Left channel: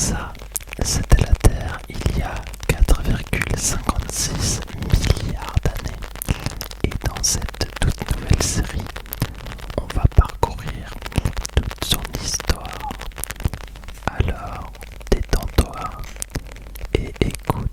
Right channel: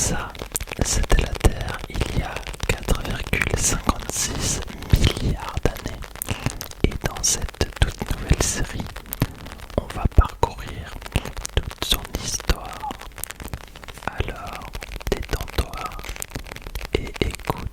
Ça, c'était la Terre il y a 4,56 milliards d'années. Et dans cette toute nouvelle série, on va parcourir toute son histoire. Alors, détends-toi et écoute.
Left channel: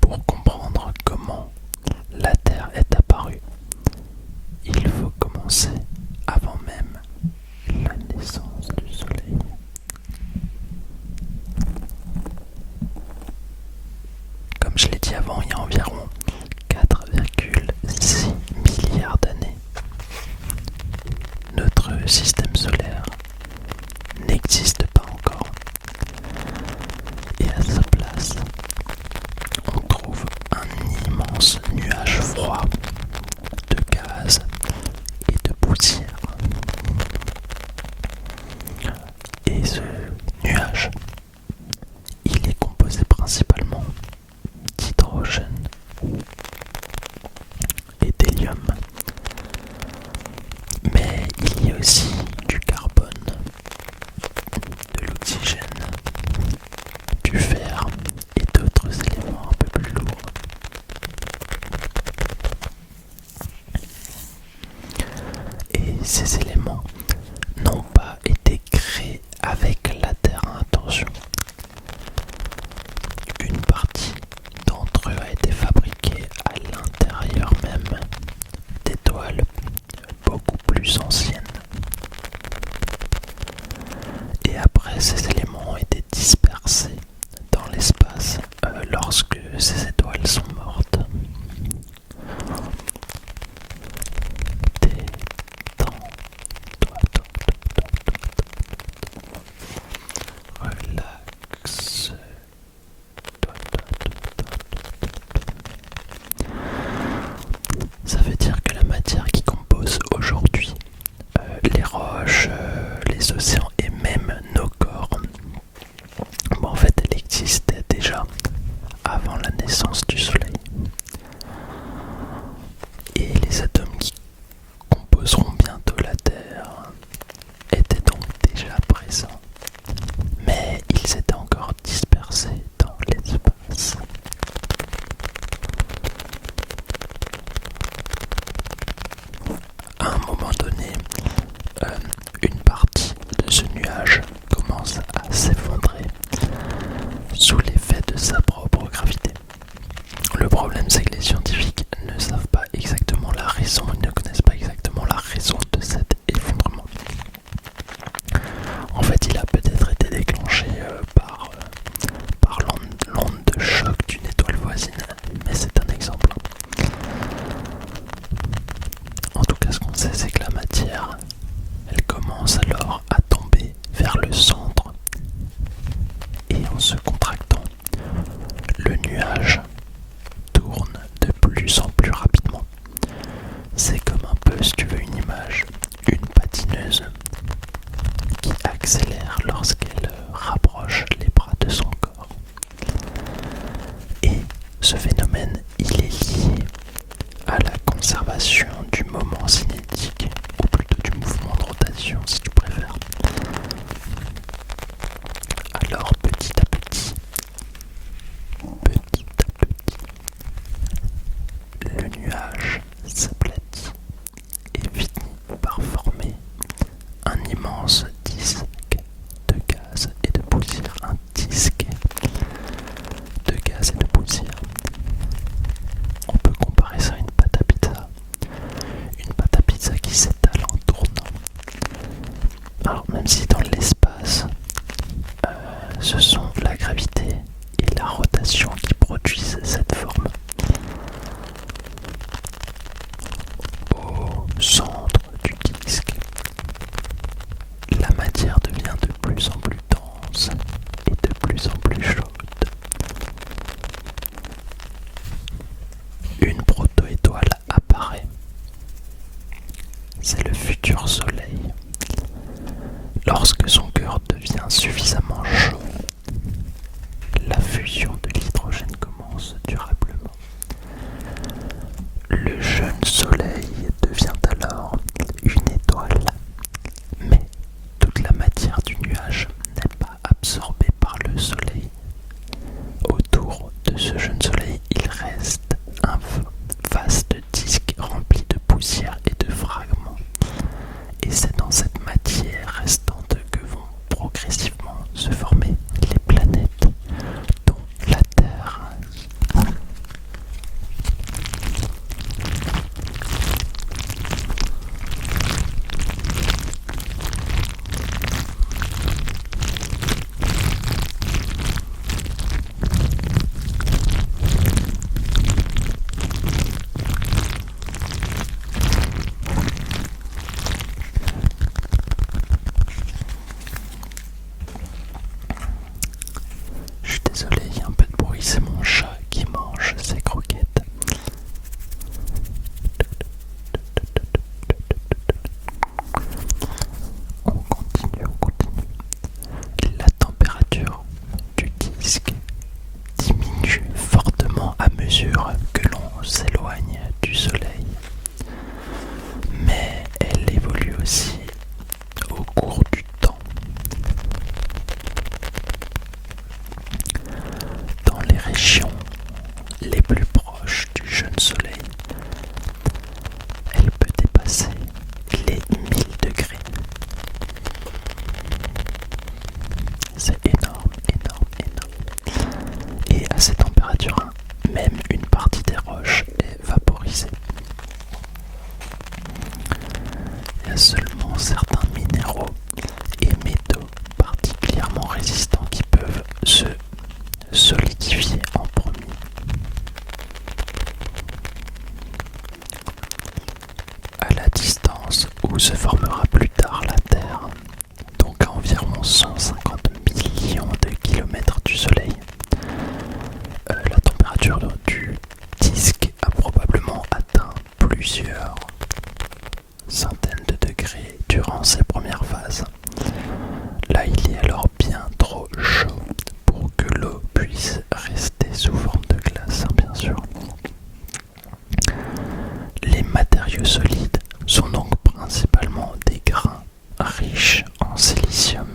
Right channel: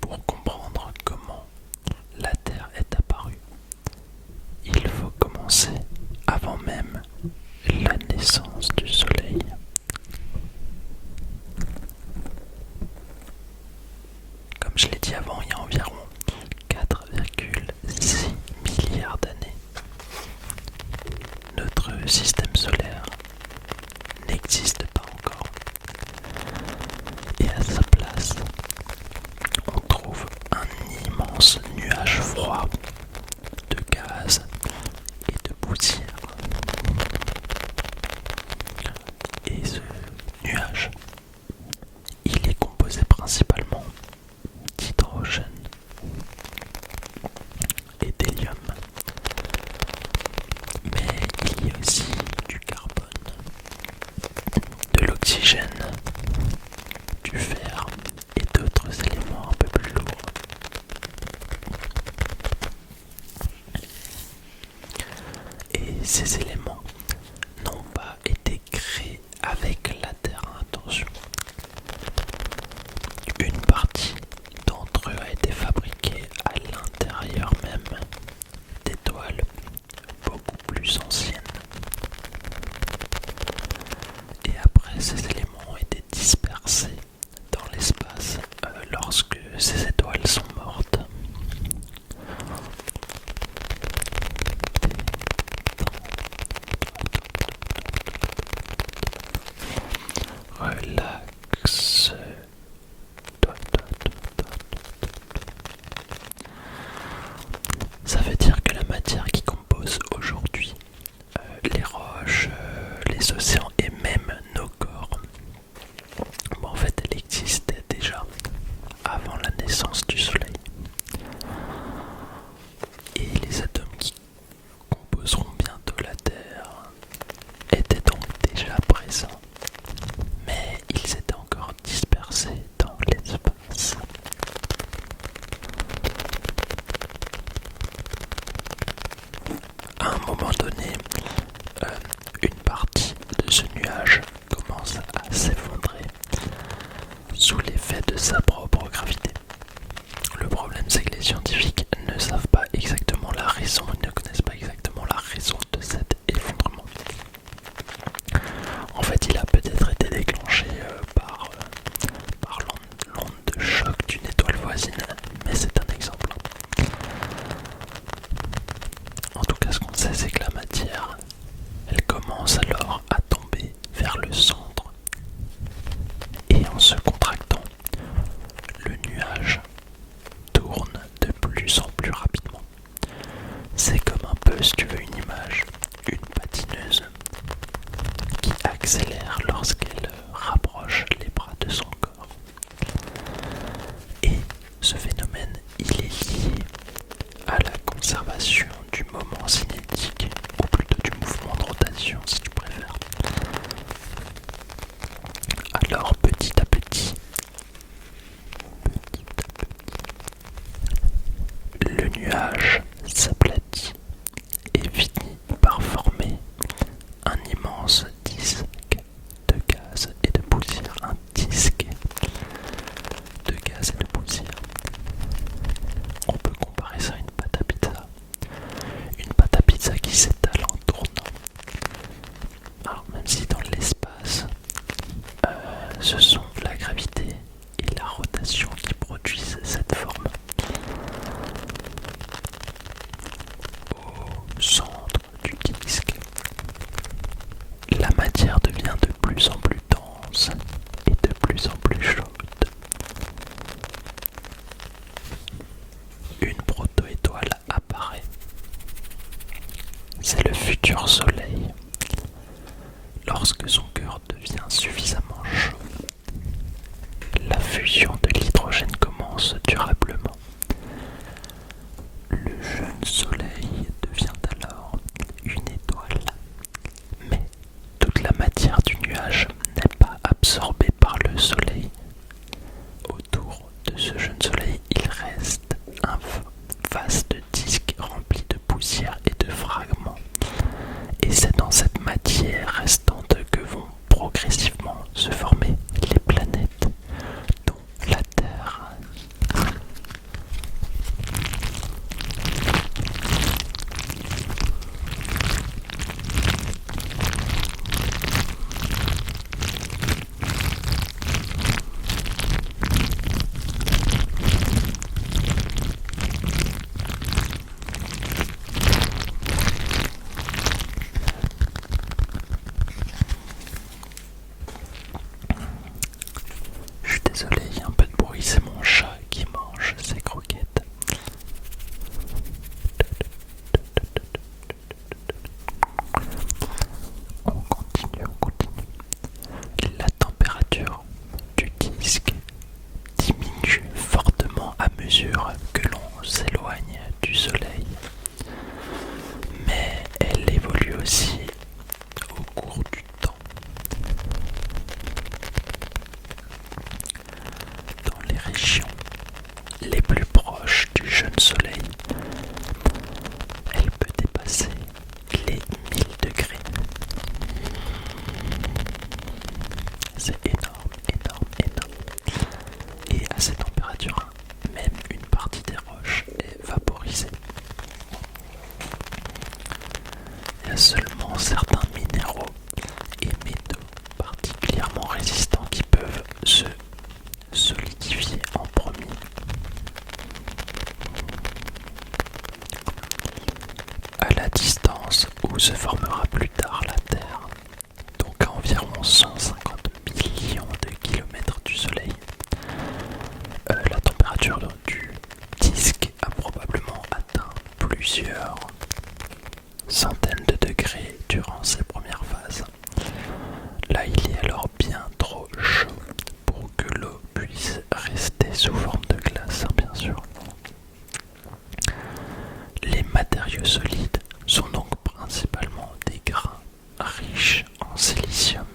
Pour comprendre comment la Terre est apparue, il faut commencer avant même la naissance du Soleil. Comme je l'ai dit avant, il y a environ 4,6 milliards d'années, notre système solaire n'existe pas encore. Et à sa place, on trouve un immense nuage froid de gaz et de poussière. Et ce nuage, il est composé principalement d'hydrogène et d'hélium. Mais il y a aussi du carbone, de l'oxygène, du fer et d'autres éléments un peu plus lourds. Et ces éléments n'ont pas été créés avec la Terre à intention. Une partie d'entre eux a été fabriquée à l'intérieur même d'étoiles beaucoup plus anciennes. Et après, ces éléments ont été dispersés dans l'espace lorsque ces étoiles sont mortes. Relax. Ça veut dire que la matière qui compose aujourd'hui les roches, les océans et même nos corps, en fait, elle existait déjà avant la naissance du Soleil. Et les atomes qui composeront bientôt la Terre étaient donc déjà présents, mais ils étaient encore dispersés dans l'espace. À un moment donné, une partie de ce nuage commence à s'effondrer sous l'effet de sa propre gravité. Le problème, c'est que les scientifiques ne savent pas exactement la raison, ils ne connaissent pas exactement la raison de cet effondrement. En fait, il a peut-être été déclenché par l'onde de choc d'une étoile voisine, mais c'est un exemple. En tout cas, ce qu'on sait, c'est que la matière, elle commence alors à tomber vers le centre. Et en se contractant, le nuage tourne de plus en plus rapidement. C'est comme un peu, si tu veux une image, une patineuse qui accélère lorsqu'elle rapproche les bras de son corps. Et ce phénomène, il est lié à la conservation du moment cinétique, ou plutôt du mouvement de rotation si tu préfères. Alors petit à petit, le nuage s'aplatit et finit par former un immense disque de gaz et de poussière. Un disque de gaz et de poussière. On peut comparer ça à une pâte à pizza. Une pâte à pizza qui s'étale en tournant. Alors même si dans l'espace, ce sont la gravité et la rotation qui produisent cette forme. Au centre du disque, la matière devient de plus en plus dense Lorsque son cœur devient suffisamment chaud, la fusion de l'hydrogène commence durablement. Le jeune soleil devient alors une étoile, mais toute la matière du nuage n'est pas absorbée par le soleil. Autour de ce jeune soleil, il reste un vaste disque rempli de poussière et de fragments. Et c'est dans cette matière restante que vont progressivement se former les planètes, dont la Terre. Je suis désolé, il y a un peu de bruit, c'est mon chat qui mange ses croquettes. On continue. La température du disque diminue fortement à mesure que l'on s'éloigne du soleil. Mais elle évolue aussi au cours du temps. Dans les régions les plus proches du jeune soleil, elle peut dépasser les 1000 degrés. C'est énorme. Et à ces températures, même une partie des roches est vaporisée. Il y a seulement certains minéraux et métaux particulièrement résistants qui peuvent se solidifier en premier. À la distance où se formera plus tard la Terre, donc à environ 150 millions de kilomètres du Soleil, la température du disque a probablement atteint plusieurs centaines de degrés durant ses premières phases. Là, il est alors bien trop chaud pour que l'eau puisse rester sous forme de glace, bien sûr. Les matériaux solides sont donc principalement des grains riches en silicium,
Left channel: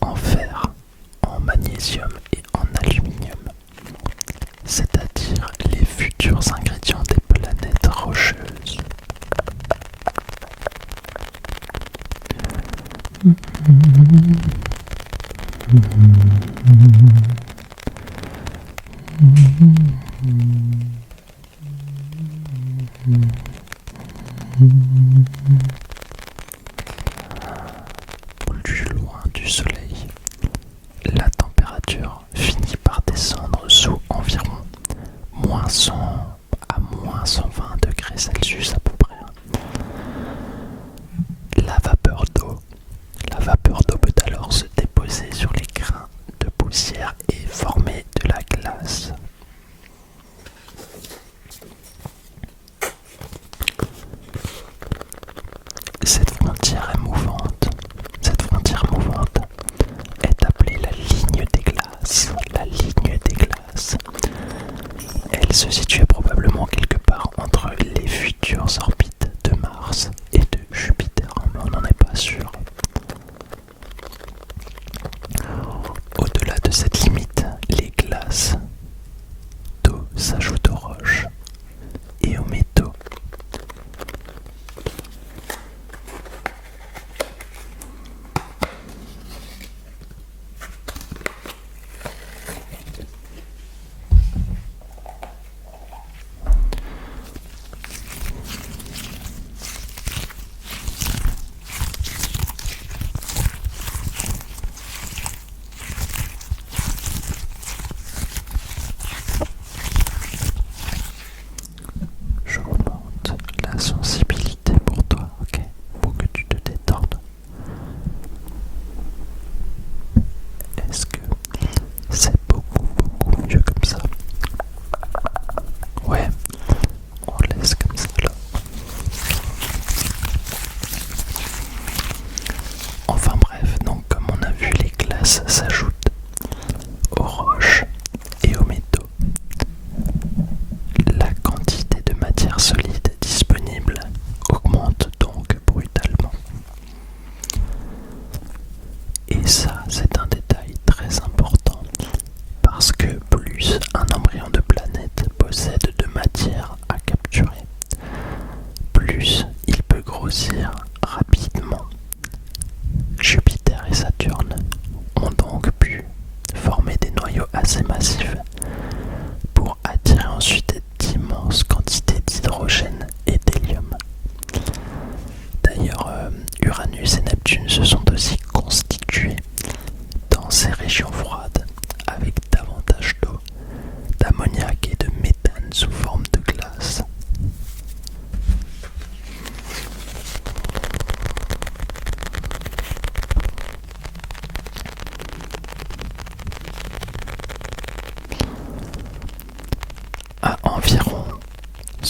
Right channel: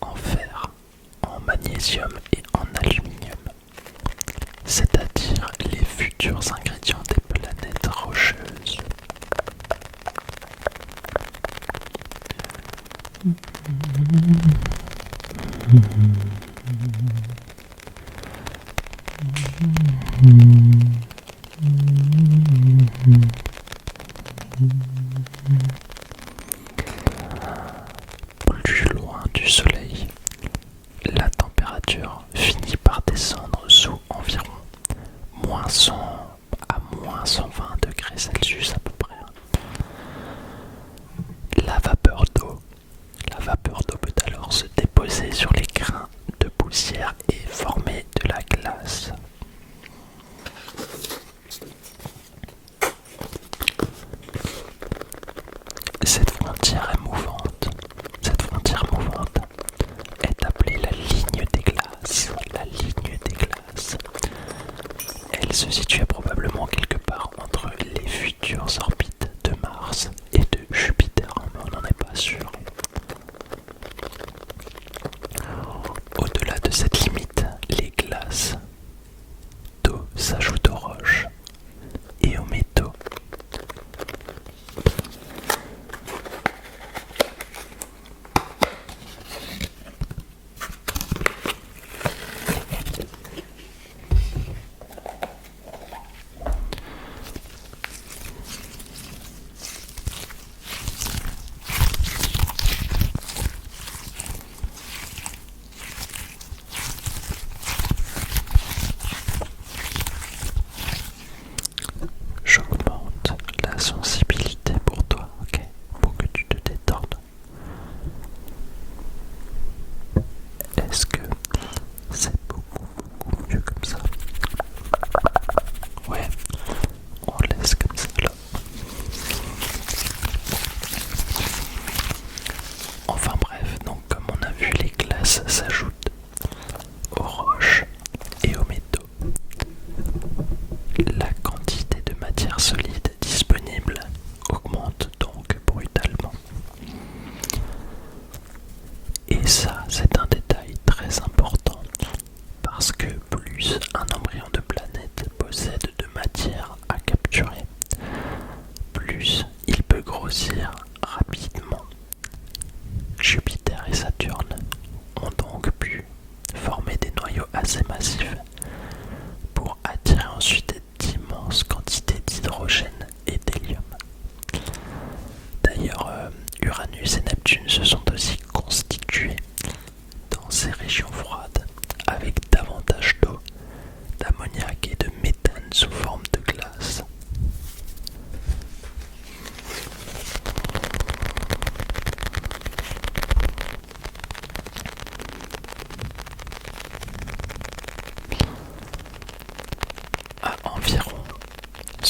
en fer, en magnésium et en aluminium, c'est-à-dire les futurs ingrédients des planètes rocheuses. Plus loin du soleil, la température finit par descendre sous environ -100 à -120 degrés Celsius à peu près. La vapeur d'eau peut alors se déposer sur les grains de poussière et former de la glace. Cette frontière mouvante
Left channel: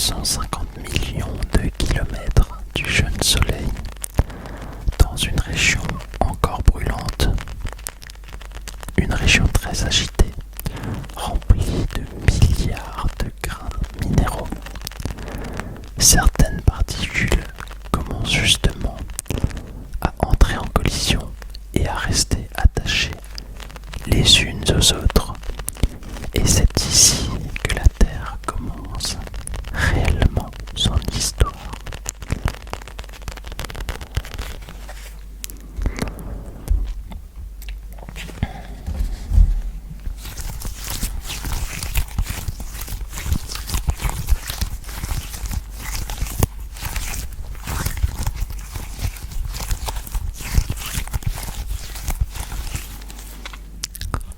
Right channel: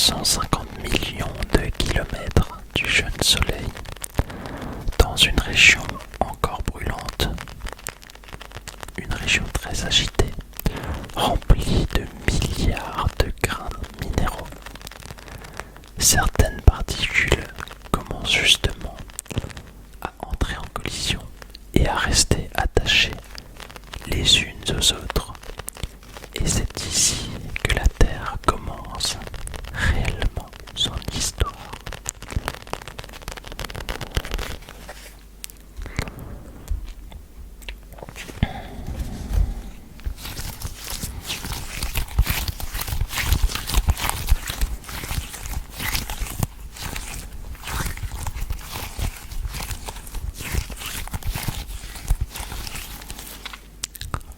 150 millions de kilomètres du jeune Soleil, dans une région encore brûlante, une région très agitée, remplie de milliards de grains minéraux. Certaines particules commencent justement à entrer en collision et à rester attachées les unes aux autres. Et c'est ici que la Terre commence réellement son histoire.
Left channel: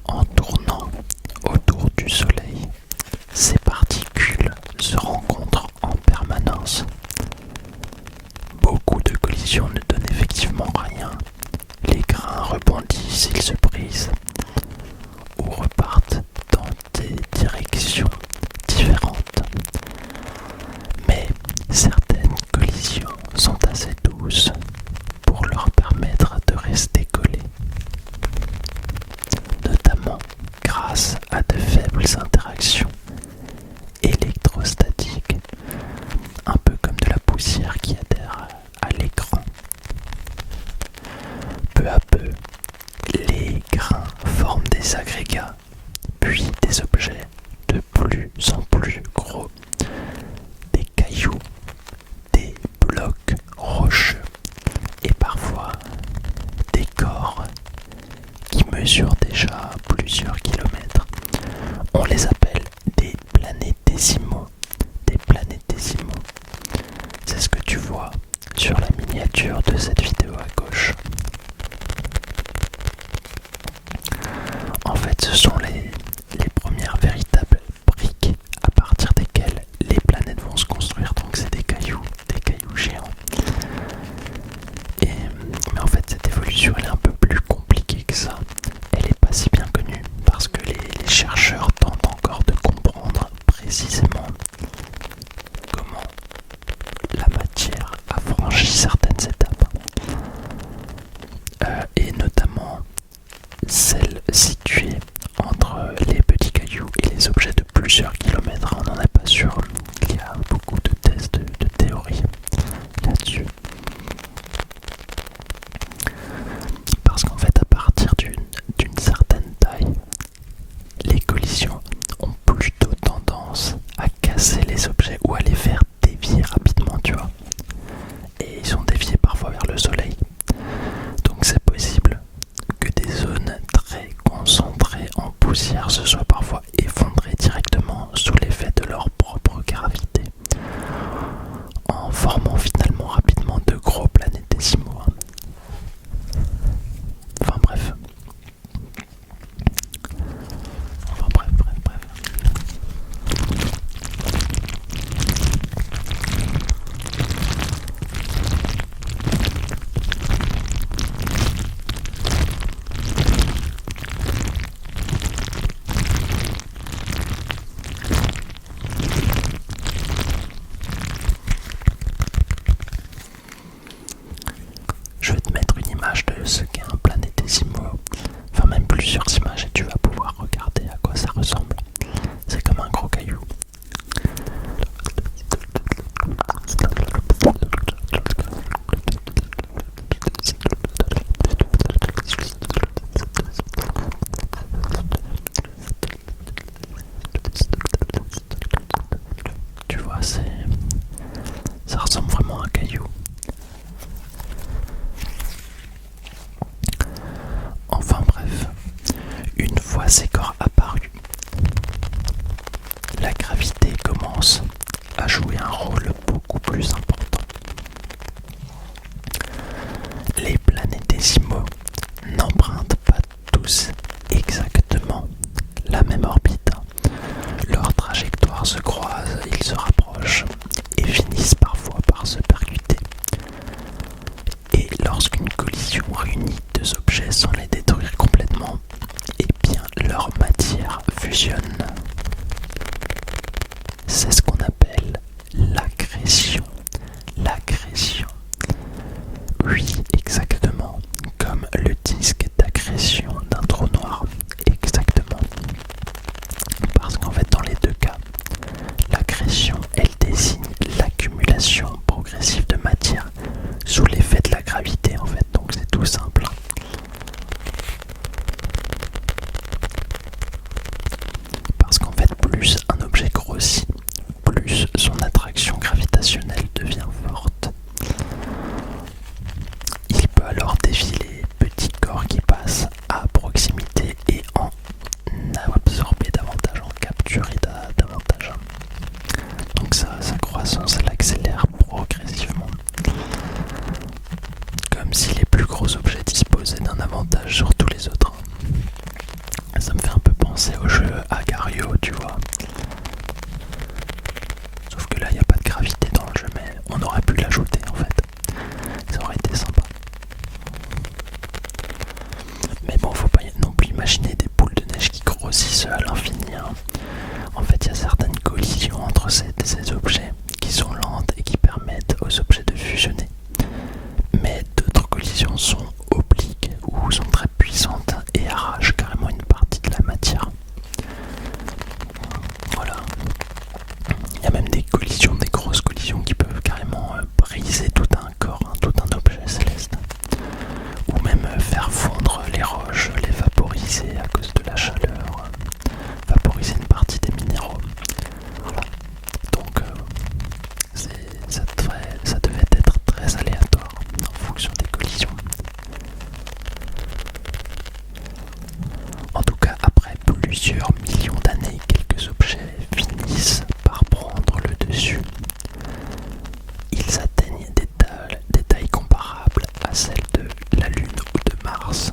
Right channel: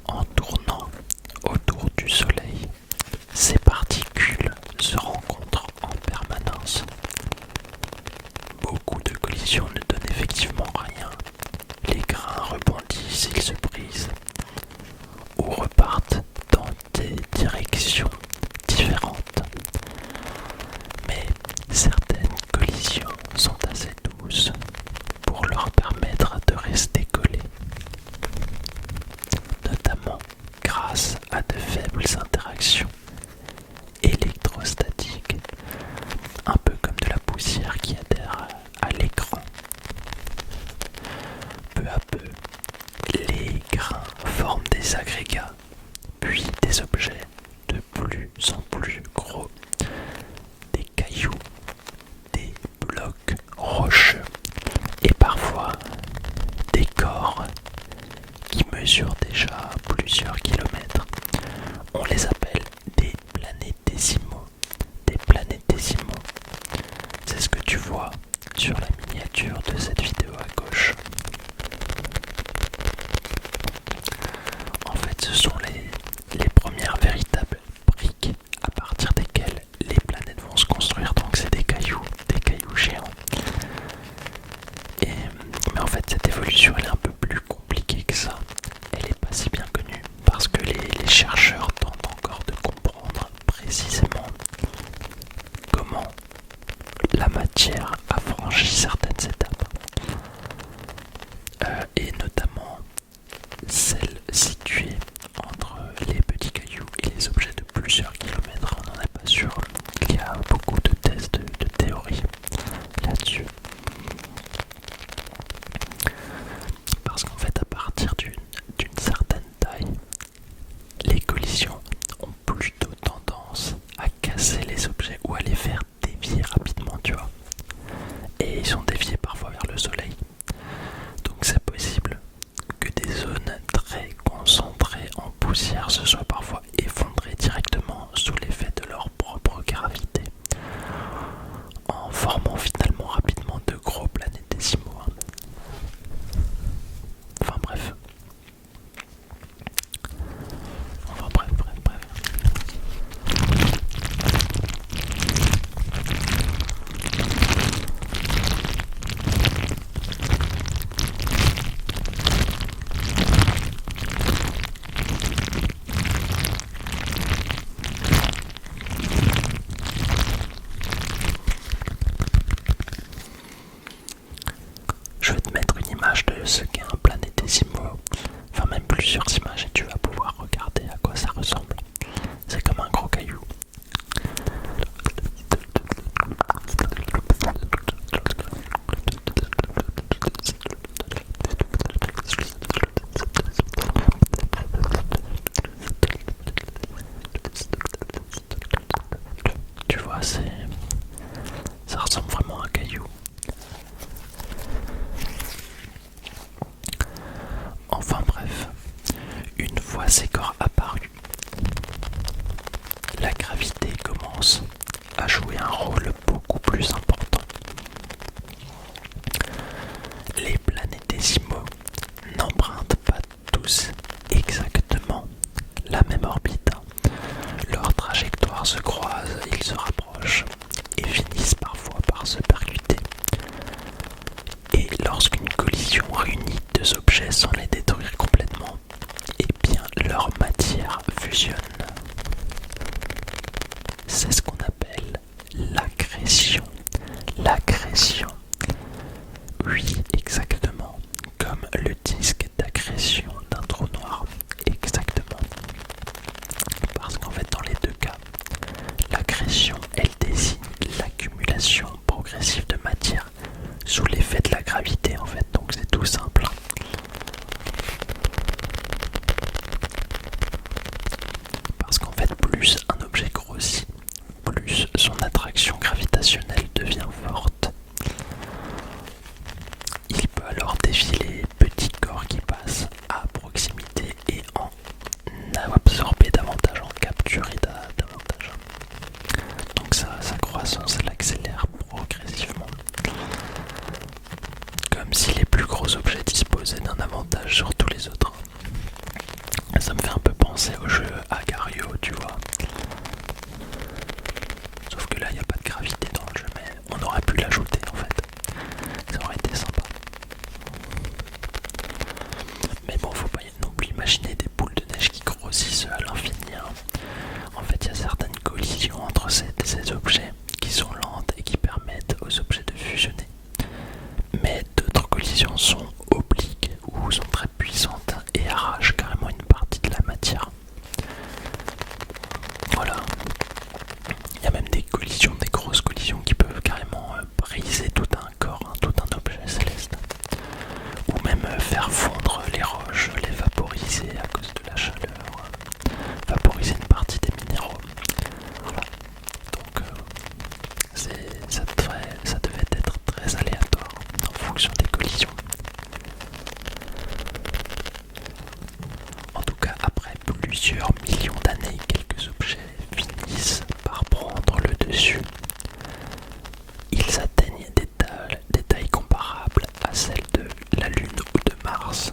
En tournant autour du Soleil, ces particules se rencontrent en permanence. Beaucoup de collisions ne donnent effectivement rien. Les grains rebondissent, ils se brisent ou repartent dans des directions différentes. Mais certaines collisions sont assez douces pour leur permettre de rester collés, notamment grâce à de faibles interactions électrostatiques, un peu comme de la poussière qui adhère à l'écran. Peu à peu, les grains forment des agrégats, puis des objets de plus en plus gros, des cailloux, des blocs rocheux et parfois des corps qui mesurent déjà plusieurs kilomètres. On les appelle des planétésimaux. Des planétésimaux. C'est ce que tu vois sur la miniature de cette vidéo à gauche. En fait, ce sont les premières véritables briques à partir desquelles les planètes vont se construire. Donc c'est des cailloux géants. Mais en fait, cette évolution elle est un peu plus compliquée que ça. Elle n'est pas si bien connue parce que les chercheurs tentent encore de comprendre précisément comment la matière a franchi certaines étapes. Et notamment celles situées entre les petits cailloux et les objets de plusieurs kilomètres. On n'en est pas sûr. Il y a beaucoup de tests, de théories là-dessus. Parce qu'en fait, à partir d'une certaine taille, les collisions ont plutôt tendance à casser les objets ou à les faire dévier rapidement, tu vois. Et ils sont déviés parfois vers le Soleil. Donc c'est possible que des zones très concentrées en poussière se soient parfois effondrées directement sous l'effet de leur propre gravité, en formant finalement rapidement de gros planétésimaux. Enfin bref. Je vais te mettre une image de ce qu'est un planétésimaux, enfin même plusieurs images et tu vas pouvoir regarder à quoi ça ressemble. C'est comme un gros caillou. Tu vois, ça ressemble vraiment à un caillou. Enfin bref, une fois ces corps apparus, la gravité commence à jouer un rôle beaucoup plus important. Les planétésimaux n'empruntent pas tous exactement la même orbite. Leurs trajectoires se croisent, ils se rapprochent et finissent parfois par se percuter. Et lorsqu'une collision réunit deux objets sans les détruire complètement, eh bien leur matière fusionne. C'est ce qu'on appelle le disque d'accrétion d'un trou noir. Exactement. Parce qu'en fait, dans les deux cas, l'accrétion, elle désigne l'accumulation progressive de matière sous l'effet de la gravité, en fait. Donc c'est tout simple. Parce qu'en fait, plus un objet grossit, plus son attraction gravitationnelle devient forte. Il peut alors défier les petits corps qui passent à proximité et en absorber davantage, en capturer davantage. Donc sa croissance, elle accélère progressivement. Comme si les plus gros objets disposaient d'un avantage sur tous les autres. Ça me fait un peu penser au jeu Agario, tu vois. Sauf que là, il n'y a pas de gravité dans le jeu, mais on aurait pu l'ajouter en fait. Ça aurait été sympa. Mais bon, faut pas non plus imaginer des boules de neige qui grossissent à l'infini. Hein. En fait, il y a certaines collisions entre ces objets qui sont lentes et qui permettent aux objets de fusionner. Mais d'autres collisions sont obliques ou sont très puissantes et arrachent carrément une partie de la matière. Voilà. Il y a même des collisions, des grosses collisions qui peuvent carrément briser tout un corps, hein, tout un objet céleste. Ou même faire fondre les roches, les vaporiser à cause de la chaleur, vaporiser une partie des minéraux. Voilà. Donc ça devait être très aléatoire en fonction des collisions. En tout cas, après plusieurs millions d'années, quelques objets finissent par prendre le dessus. Ils atteignent des tailles comparables à celles de la Lune ou de Mars.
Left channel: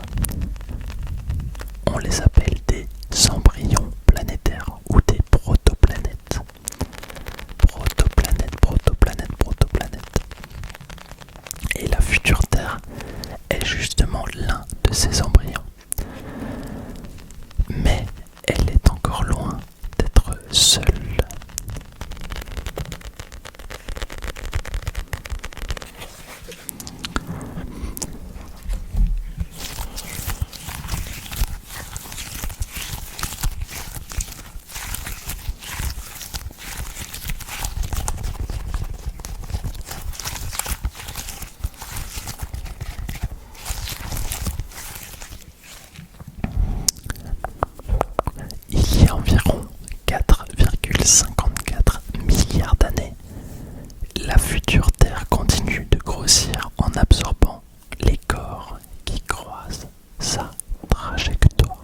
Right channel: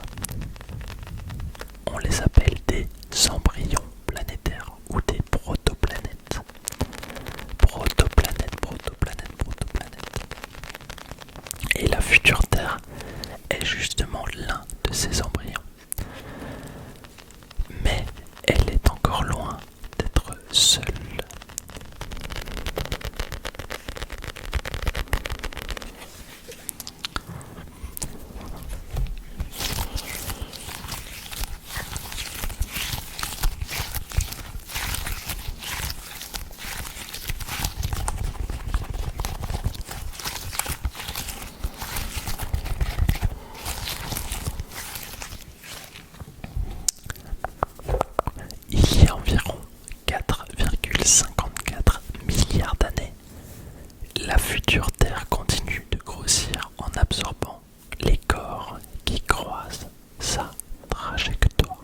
On les appelle des embryons planétaires ou des protoplanètes. Protoplanètes. Et la future Terre est justement l'un de ces embryons. Mais elle est encore loin d'être seule. Il y a environ 4,54 milliards d'années, la future Terre continue de grossir en absorbant les corps qui croisent sa trajectoire.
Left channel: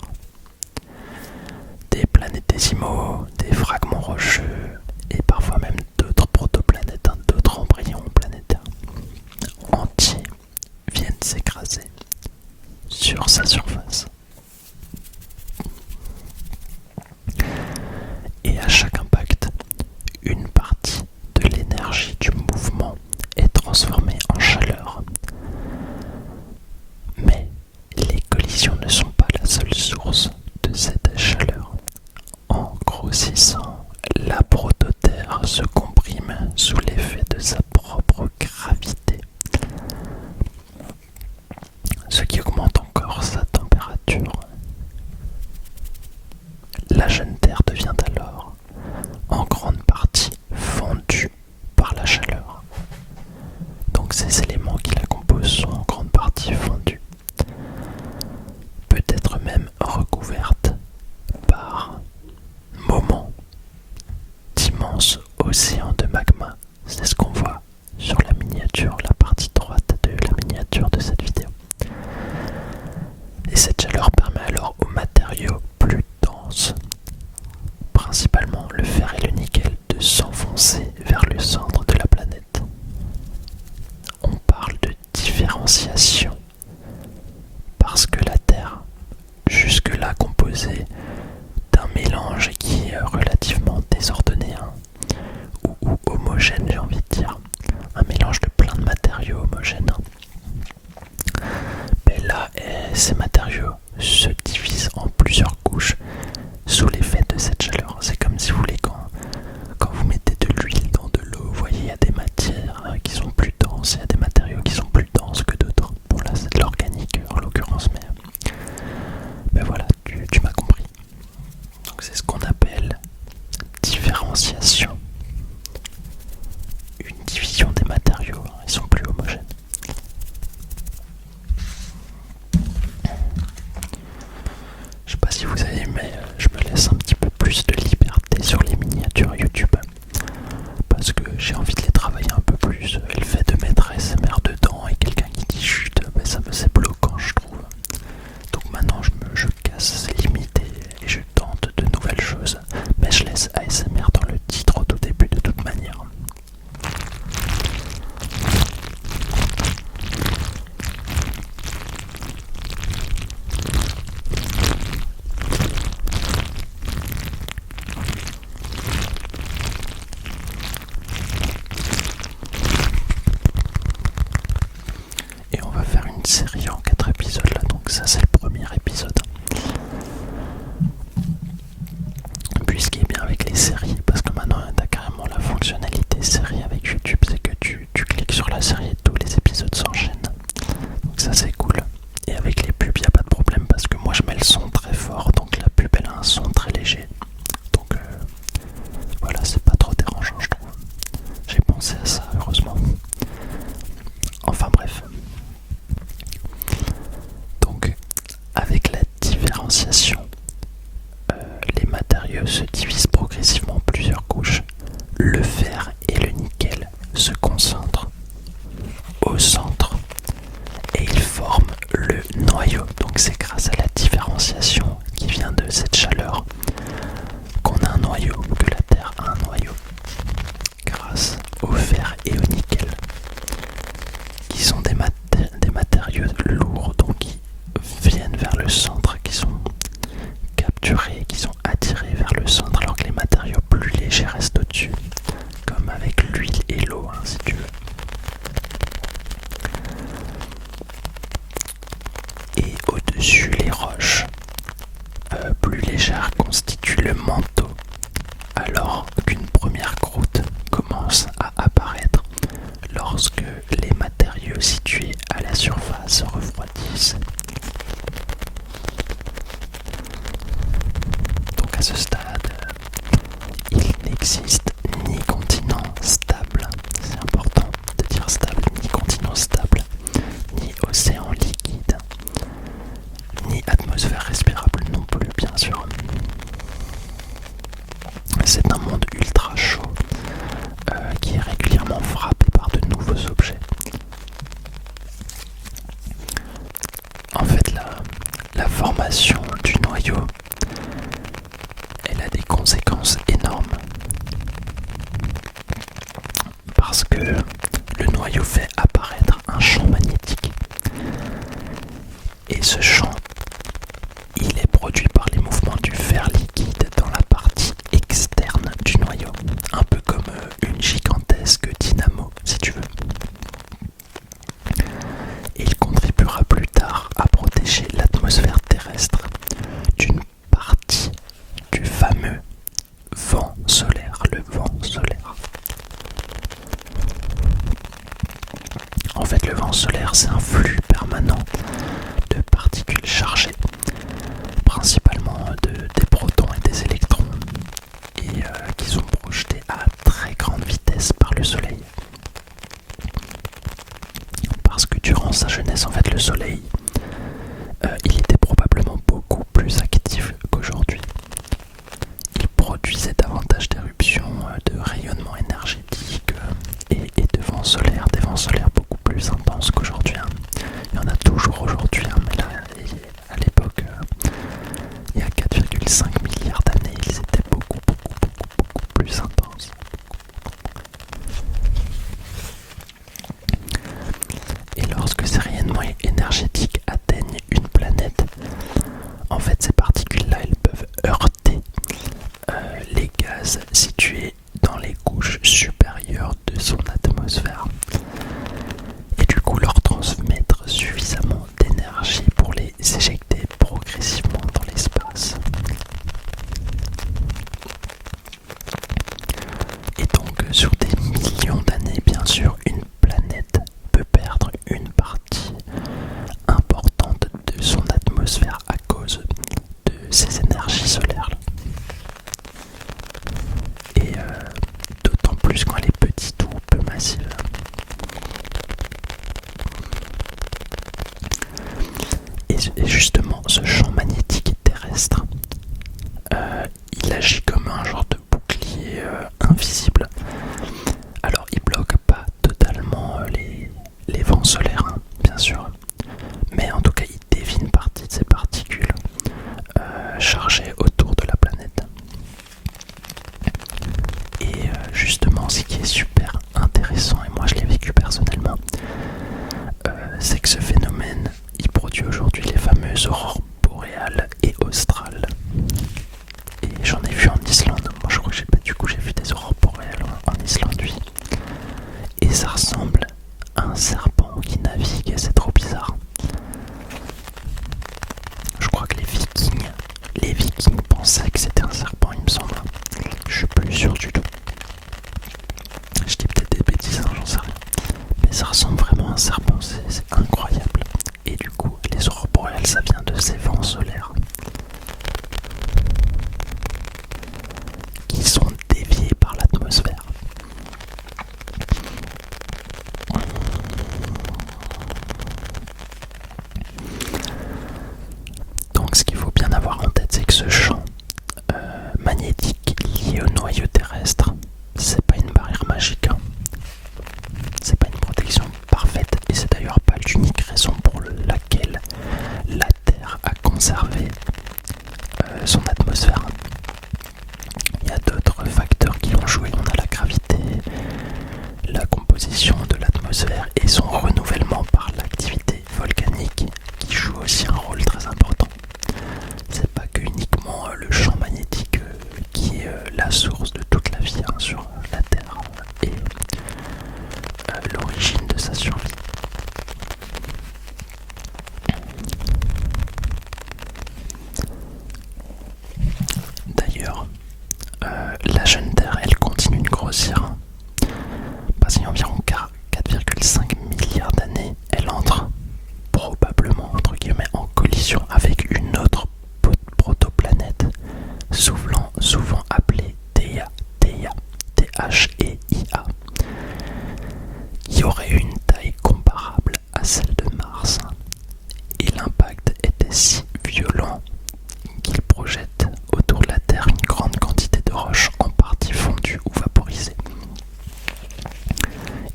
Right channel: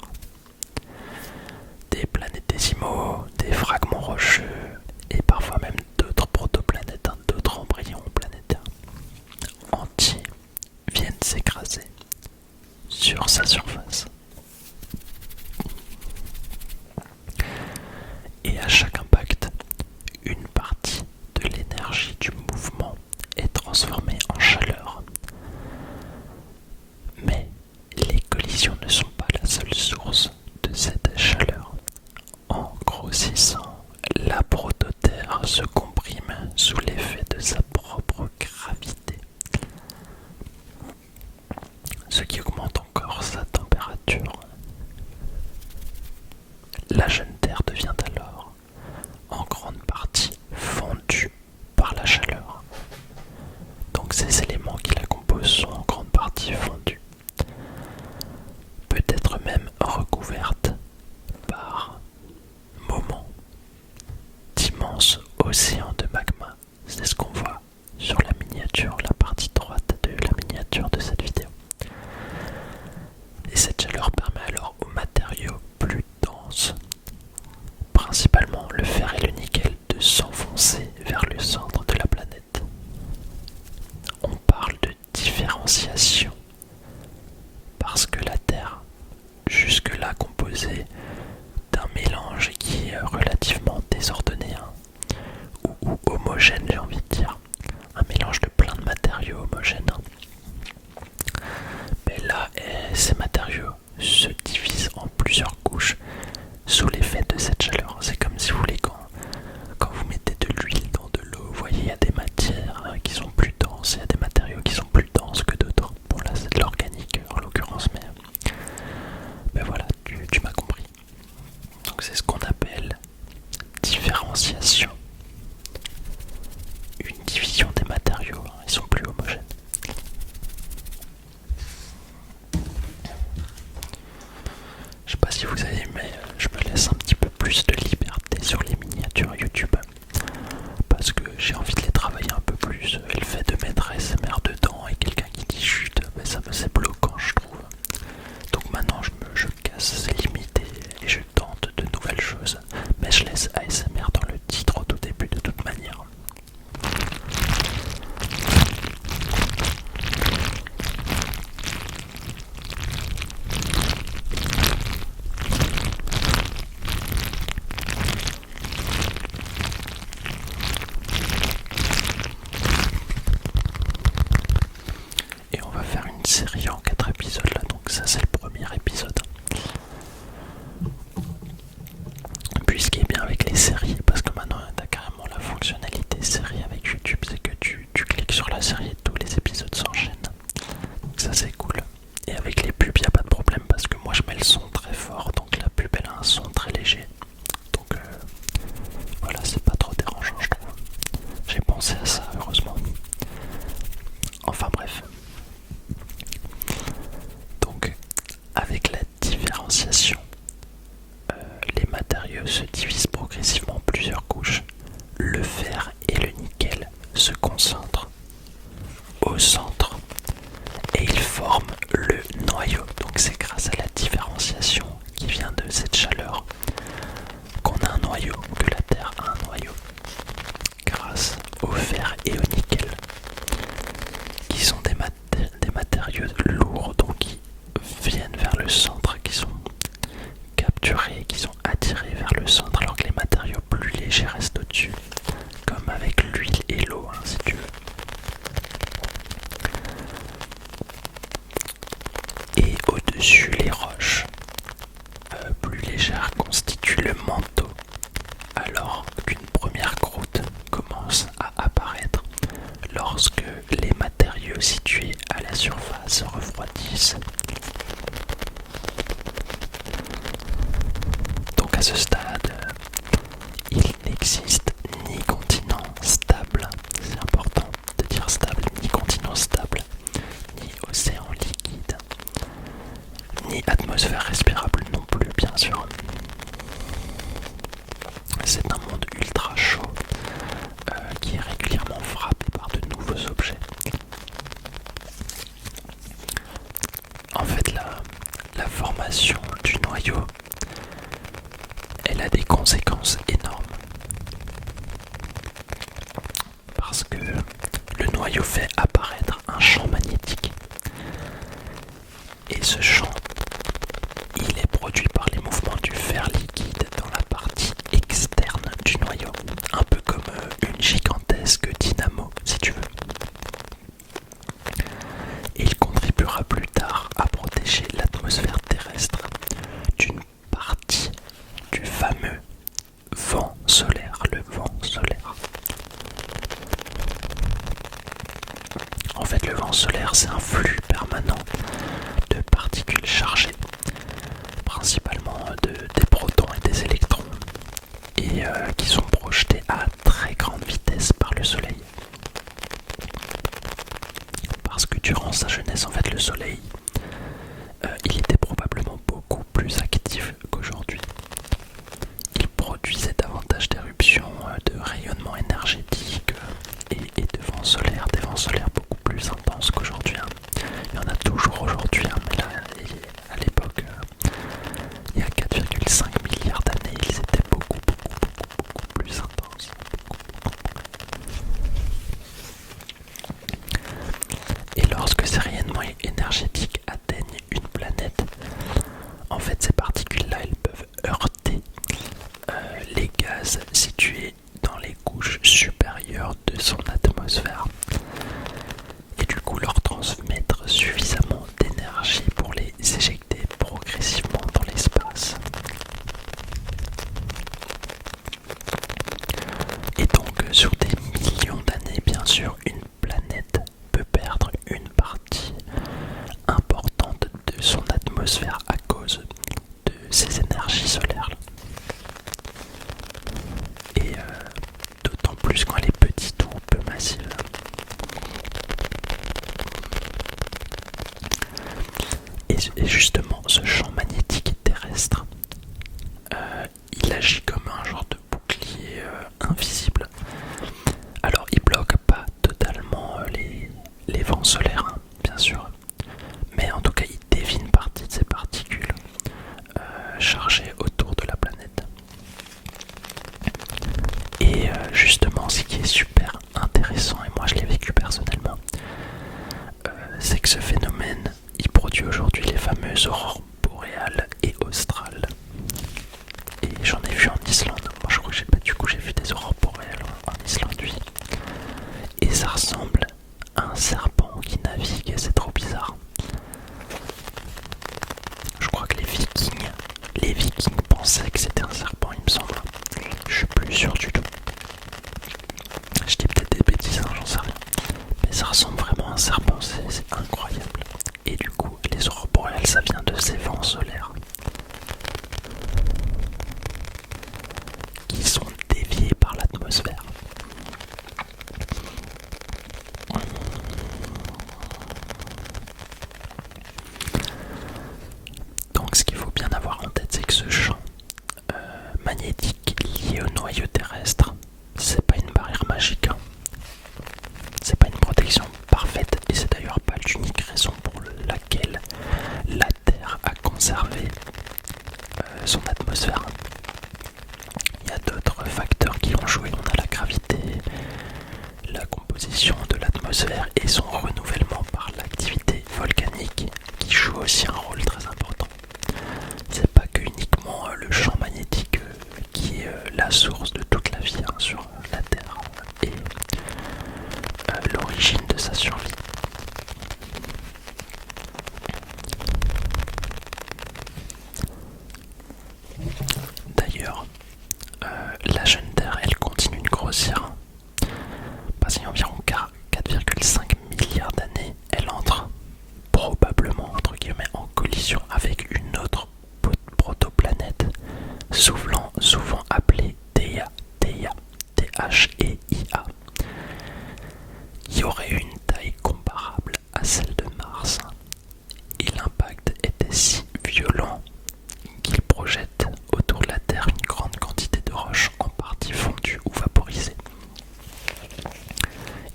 Des planétésimaux, des fragments rocheux et parfois même d'autres protoplanètes, d'autres embryons planétaires entiers viennent s'écraser sur sa surface. Et à chaque impact, une partie de l'énergie du mouvement est transformée en chaleur. Mais les collisions ne sont pas la seule source de cette chaleur. En grossissant, la prototerre se comprime sous l'effet de sa propre gravité, ce qui augmente encore sa température. La jeune Terre devient alors en grande partie fondue par la chaleur. Donc ces éléments qui la composent sont en grande partie fondus. Peut-être même recouverte par moments d'immenses océans de magma. C'est ce qu'on voit sur la miniature, la partie droite de la miniature de cette vidéo. Et cette chaleur permet alors aux matériaux plus denses, principalement le fer et le nickel, de s'enfoncer vers le centre de la planète. On parle de différenciation parce que la Terre, jusque-là composée d'un mélange qui est relativement désordonné, ou homogène, j'ai envie de dire, un mélange de plein de matériaux homogènes. Mais là, ces matériaux se divisent en plusieurs couches sous l'effet de cette chaleur. C'est comme si vous voulez quand vous mettez de l'huile dans de l'eau, vous voyez, il y a des matières qui sont plus denses, il y a des matériaux qui sont plus denses que d'autres. Bon là c'est de l'organique en l'occurrence, plus de liberté sur les miniatures YouTube. Parce que j'ai envie de les travailler un peu plus. Et le fait de mettre ASMR dedans et quelqu'un qui dit chut, c'est bloquant je trouve. Donc maintenant je casse ces limites et je tente de nouvelles choses. Mais je laisse ASMR dans le titre au tout début de toute manière. Et on va faire une série en 4 épisodes là, donc ça c'est le premier épisode. Puis ce qui est bien avec les séries, parce que maintenant t'as carrément la fonctionnalité série avec YouTube, c'est que tu cliques sur la série et tous les épisodes s'enchaînent. Donc ça c'est cool. Et avec les pubs y a pas de problème parce que moi je mets le son très fort, donc la pub elle a un son très léger. Donc voilà, c'est pas trop dérangeant je trouve. J'ai pensé à ça heureusement. Enfin bref. Donc avec la différenciation, les matériaux se divisent progressivement en plusieurs couches. Le fer et le nickel se concentrent au centre et ils forment le noyau. Donc c'est grâce à la différenciation qui vient de cette chaleur qu'on a un noyau, que la Terre a un noyau. Grâce au fer et au nickel, qui sont des matériaux lourds, donc qui viennent vers le centre, qui sont capturés, qui sont attirés vers le centre, alors que les matériaux plus légers restent au-dessus, comme avec l'huile et l'eau, hein, si tu veux. Et au-dessus, les roches plus légères constituent le manteau, alors qu'une première croûte commence à apparaître lorsque les matériaux situés à la surface refroidissent. Donc à ce stade, il n'existe ni continent stable, c'est important de dire stable, ni continent stable, ni océan liquide, ni atmosphère respirable non plus bien sûr. C'est un monde ultra chaud qui est régulièrement frappé par de nouveaux objets. En fait, la formation du noyau, elle a des conséquences énormes. Parce que le noyau fait apparaître un champ magnétique. Et ce champ, il est produit par les mouvements du fer liquide dans la partie externe du noyau. Un peu comme une gigantesque dynamo, si tu veux. Et il contribuera plus tard à protéger l'atmosphère terrestre d'une partie du fameux vent solaire, le vent solaire. En fait, le vent solaire, c'est un flux permanent de particules chargées, principalement des protons et des électrons, et qui sont projetés à très grande vitesse par le Soleil. Parce que durant sa jeunesse, en fait, le Soleil, il était probablement beaucoup plus actif qu'aujourd'hui. Il produisait davantage d'éruptions, de rayonnement énergétique et de vents solaires, des vents solaires beaucoup plus intenses qu'aujourd'hui. Il y en a toujours aujourd'hui, mais là, à l'époque, il y a 4,5 milliards d'années, ils étaient beaucoup plus intenses. Et lorsque ces rayonnements énergétiques atteignent une planète, en fait ces particules-là, elles peuvent heurter les gaz situés dans les couches supérieures de son atmosphère. Et du coup leur transmettre suffisamment d'énergie pour les éjecter progressivement dans l'espace. Et donc sur des millions d'années, bien sûr, une planète peut perdre une partie importante de son atmosphère à cause de ces énergies solaires. Et d'autant plus quand elle est petite ou peu massive. Et justement, ce champ magnétique terrestre, il agit fameuses aurores boréales et australes. Et j'en ai vu en Islande. Moi je crois que j'ai vu des aurores boréales en Islande, oui. Et ça ressemble à un serpent qui navigue, c'est trop bizarre. Je crois que les Vikings pensaient que c'était un serpent, il me semble. Je suis plus sûr du tout. Je dis peut-être des bêtises, hein, j'en sais rien. Mais ça ressemble vraiment à un serpent, c'est incroyable. Et du coup, les aurores boréales, ça vient de ces vents solaires qui sont déviés par l'atmosphère. Donc ce qu'il faut bien avoir en tête, c'est que ce champ magnétique lié au noyau terrestre, c'est pas une barrière magique, hein. C'est pas une protection parfaite, et c'est d'ailleurs pas l'unique raison pour laquelle la Terre a conservé son atmosphère. Il y a d'autres facteurs qui ont joué. On a la gravité, la composition de l'atmosphère et son renouvellement par l'activité volcanique qui joue aussi un rôle très important. C'est pas que uniquement le champ magnétique qui est la source de toute la vie, hein, sur la Terre et l'origine de sa survie. D'ailleurs, la jeune Terre, elle continue de grossir. Parce qu'il y a environ 4,5 milliards d'années, elle entre probablement entre guillemets en collision avec une autre protoplanète, souvent appelée Theia, Thea, qui aurait une taille comparable à celle de Mars. Et l'impact était si violent qu'il projette autour de la Terre une grande quantité de roches en partie fondues ou vaporisées.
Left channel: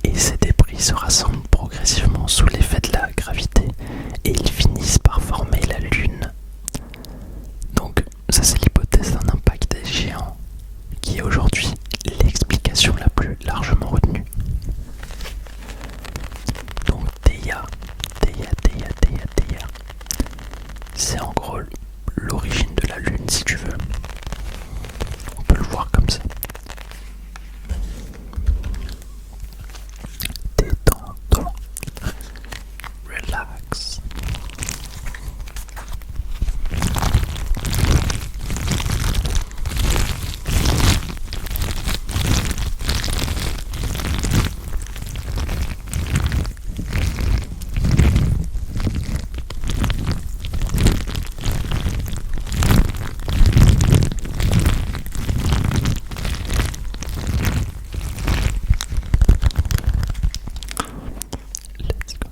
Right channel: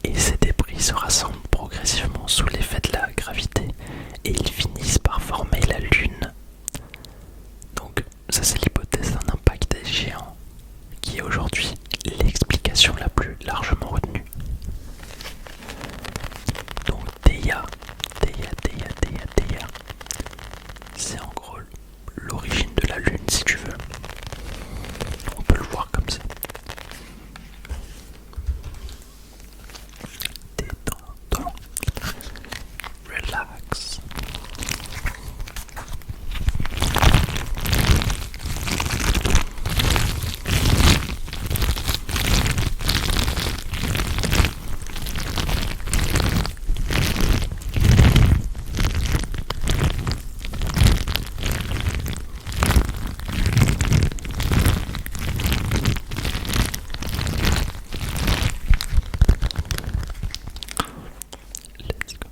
Et ces débris se rassemblent progressivement sous l'effet de la gravité et ils finissent par former la Lune. Donc ça, c'est l'hypothèse d'un impact géant qui est aujourd'hui l'explication la plus largement retenue. Donc Theia, c'est en gros l'origine de la Lune, si tu veux. On peut le voir comme ça. Détends-toi. Relax. Let's go.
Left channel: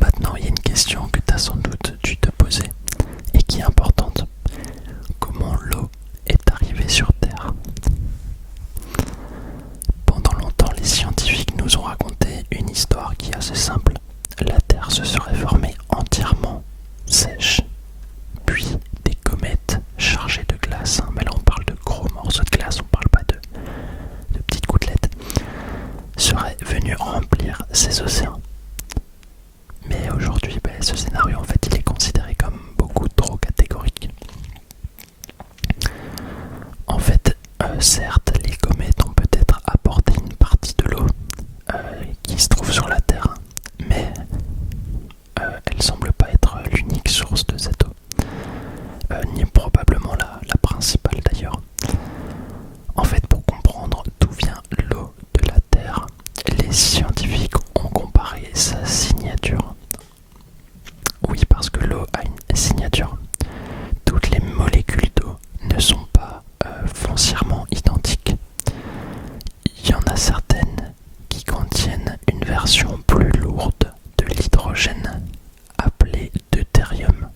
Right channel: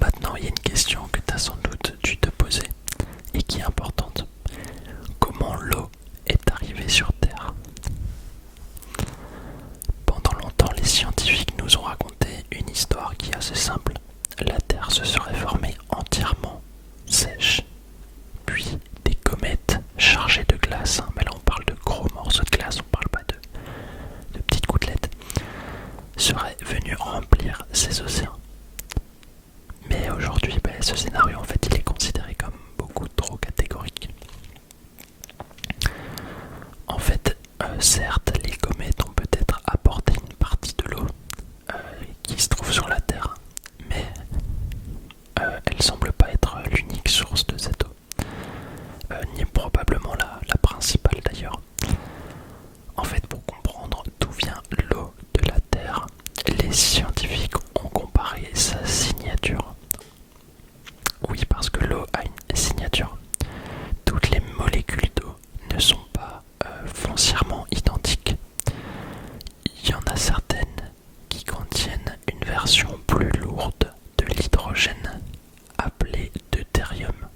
Maintenant, il y a une question que tu as sans doute dû te poser et qui est importante. Comment l'eau est arrivée sur Terre? Pendant longtemps, les scientifiques nous ont raconté une histoire qui est assez simple. La Terre se serait formée entièrement sèche, puis des comètes chargées de glace, hein, mais là on parle de gros morceaux de glace, on parle pas de petites gouttelettes, seraient venus remplir ces océans. Mais aujourd'hui, ce scénario, en fait, il est considéré comme beaucoup trop catégorique. En fait, certes, les comètes ont peut-être apporté une partie de l'eau qui se trouve sur la Terre, mais elle semble pas être l'unique source de cette eau, ni probablement la principale d'ailleurs. En fait, pour comprendre d'où vient l'eau de la Terre, les scientifiques ont comparé sa signature. Oui, parce que l'eau a une signature. Toutes les molécules d'eau ne sont pas foncièrement identiques. Il y en a certaines qui contiennent une version plus lourde de l'hydrogène appelée deutérium.